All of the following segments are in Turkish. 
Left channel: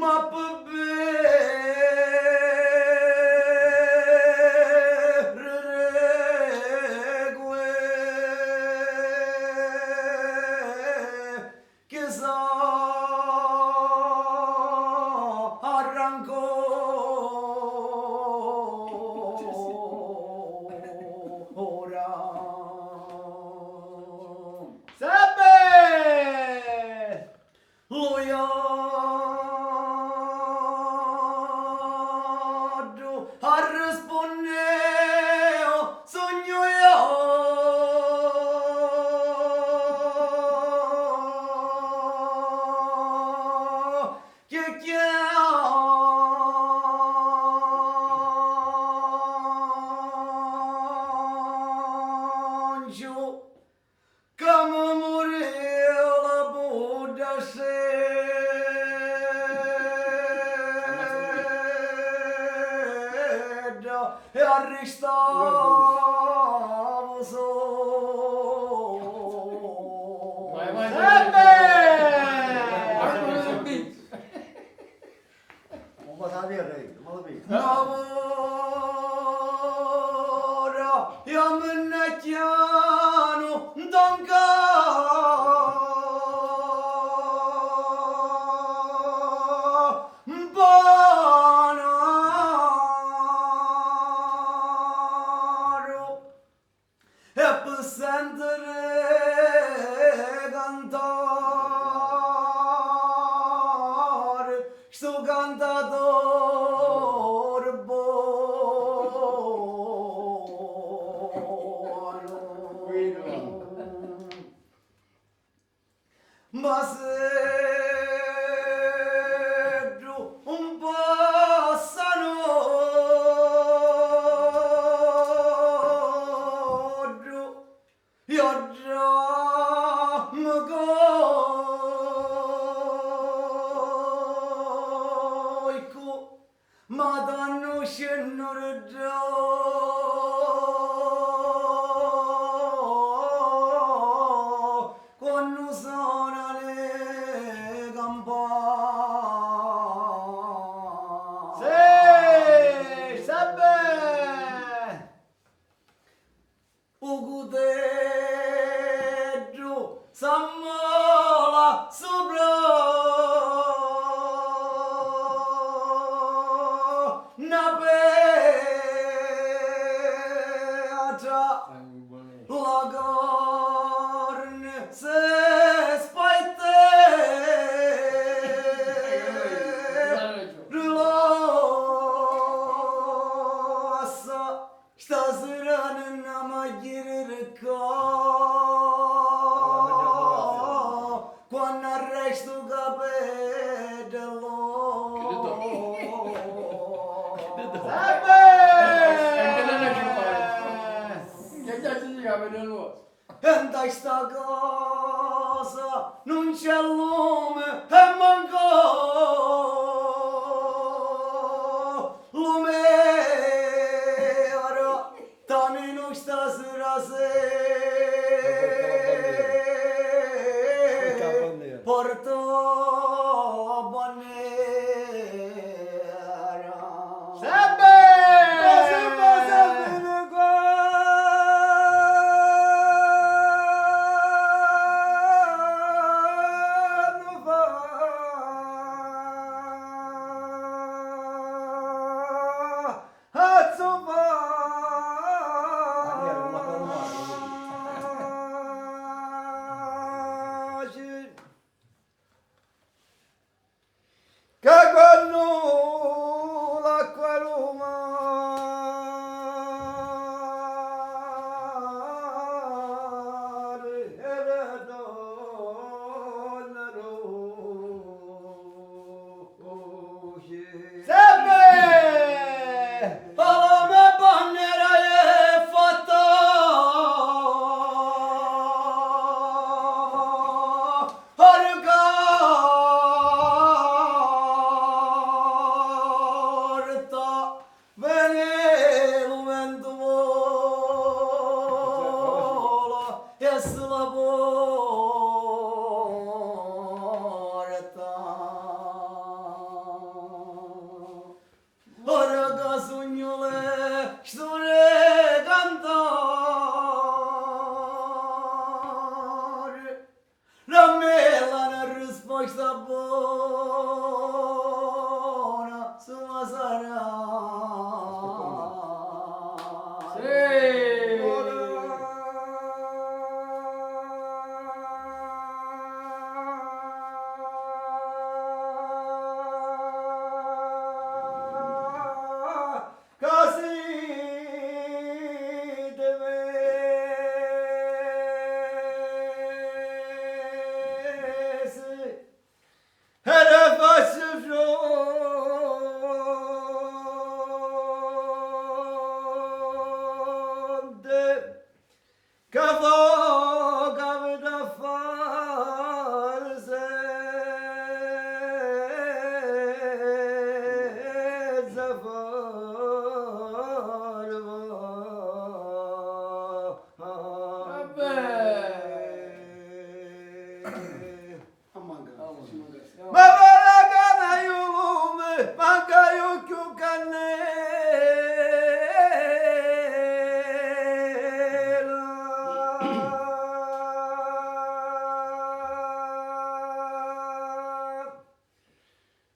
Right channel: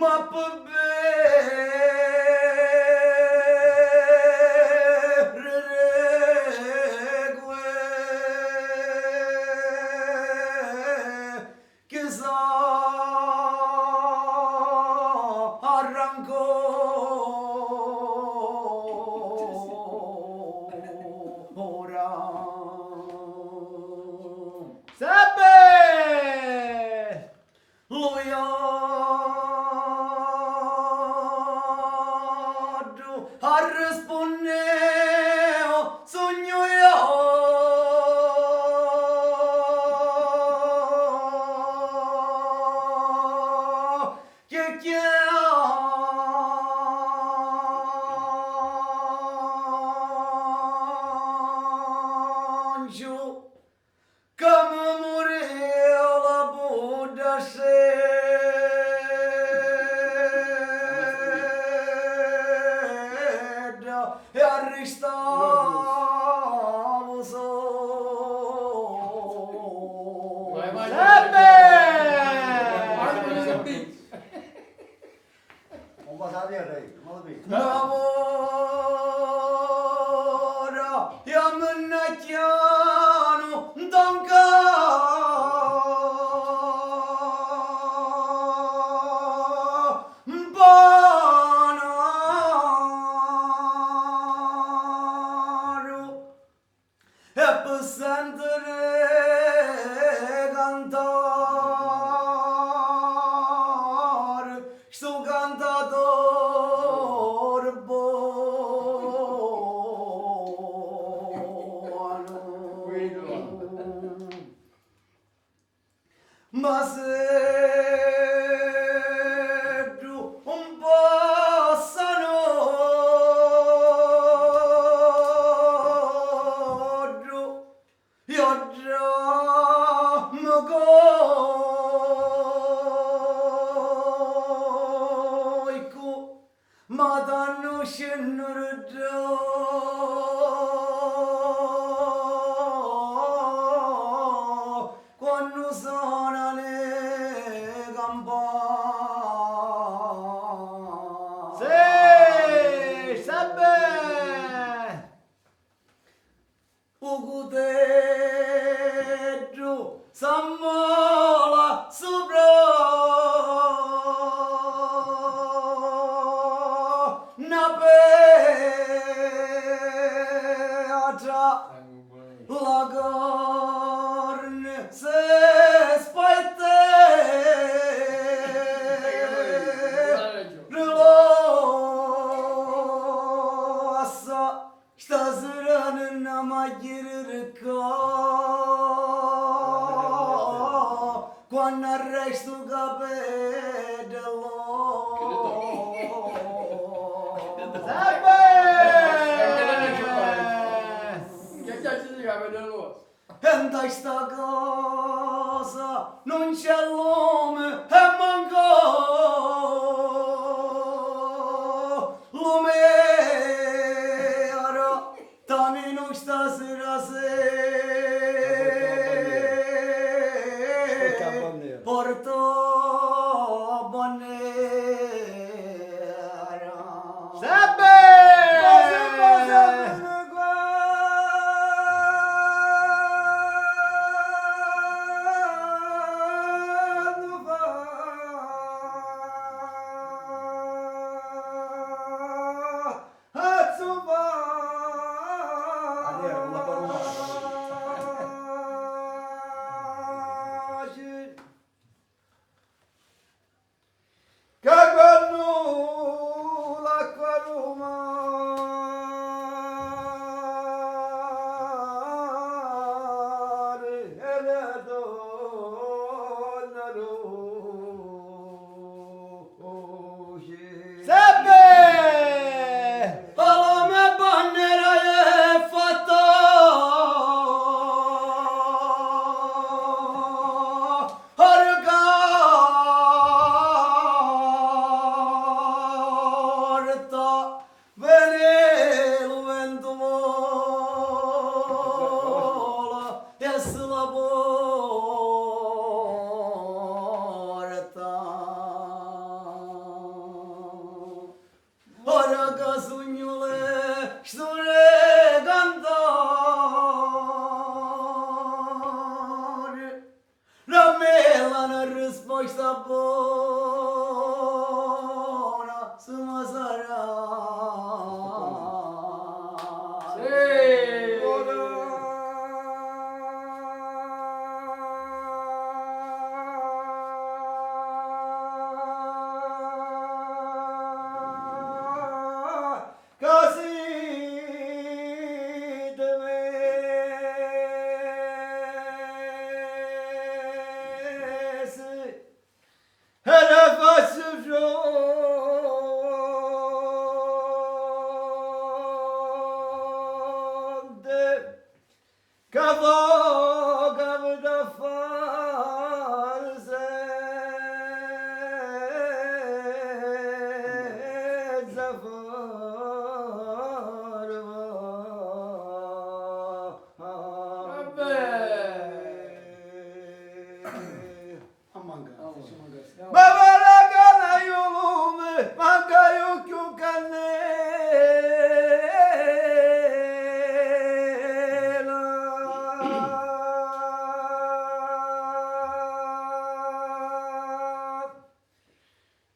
ma per bere che sa arrancò Sebbe! Lui rispondeo sogno io che chiangio come morì la Buddha sedda e arrestavo solo Un po' da dire, non lo lavora e a me chiano Banaro e per sentire cantare sto cantatore buono ma se tu un possano io già mi coico ma danno scendere già quando sono le campane sì, Sebbe Ugudeggio Sammola sopra una petra la carne se spette rilossa stasera non mi girca quando arresto capello in questa casa non c'è lume e manco lume ora tamino stasera se porto bandiera Sebbe!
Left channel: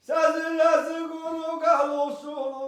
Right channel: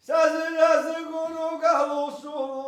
Sazı razı kuru kalu sulu